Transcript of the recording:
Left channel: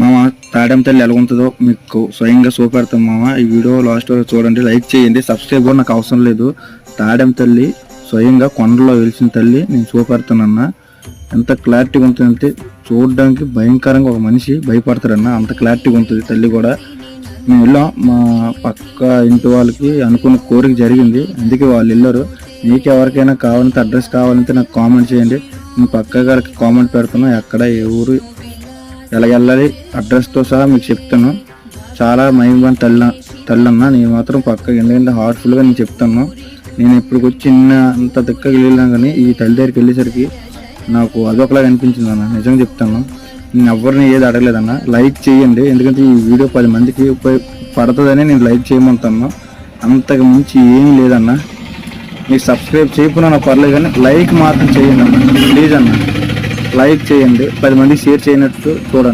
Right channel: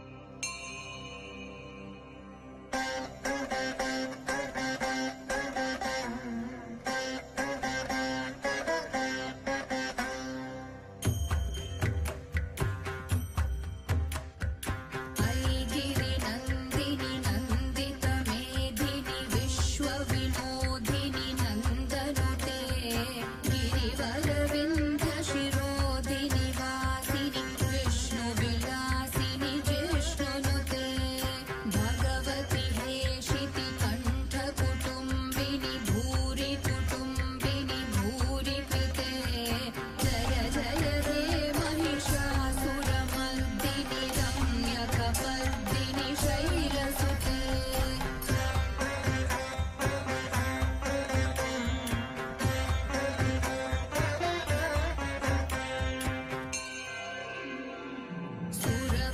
మామ తాడెం తల్లి ఎలా ఉంటుందో మీకు స్వయంగా చూపెడతాం మామ. ఈ వీడియో లాస్ట్ వరకు చూడండి, లైక్ చేయండి, సబ్స్క్రైబ్ కూడా నాకు అవసరం లేదు. తాడెం తల్లి స్వయంగా కొండలో వెలిసిన తల్లి నేను చూపెడతానన్నా. ఎంత క్లారిటీగా ఉంటుందంటే చూడడానికి భయంకరంగా ఒక మనిషి భయపడతారన్న, అంత క్లారిటీగా ఉంటుంది తల్లి కూడా. మేము వెళ్ళాం, మా పక్క ఇంటి వాళ్ళకి అనుకున్న కోరిక జరిగింది, అందుకే వాళ్ళు వెళ్ళారు. మీకు ఎవరికైనా కావాలంటే అడ్రస్ కావాలంటే నాకు కామెంట్ చేయండి, నేను పక్క గారికి కామెంట్ పెడుతున్నా. ఎక్కడ ఏ ఊరు ఎలా వెళ్ళాలి అడ్రస్తో సహా మీకు చెప్తాను. చాలా మహిమని తల్లన్న, నేను మాత్రం పక్కకి ఎందుకంటే హార్ట్ఫుల్గా నేను చెప్తాను. నేను ఇప్పుడు చిన్న అంత దిక్కకి వెళ్ళినా కానీ ఈ తల్లి దగ్గరికి వెళ్ళేసరికి నాకు అదొకలాగా అనిపించింది అన్న, నిజంగా చెప్తాను. నేను ఎవరిని ఏది అడగలేదన్న. లైక్ చేయండి, ఎందుకంటే ఈ వీడియో 10 మందికి పడుతుందని నేను లైక్ చేయమంటాను. అంతకు మించి ఏమీ లేదన్న. మీకు సబ్స్క్రైబ్ చేయకుండా నాకు పర్లేదు కానీ లైక్ మాత్రం చేయండి అన్న, ప్లీజ్ అన్న. లైక్ చేయండి, 10 మందికి షేర్ చేయనట్టు చూడండి.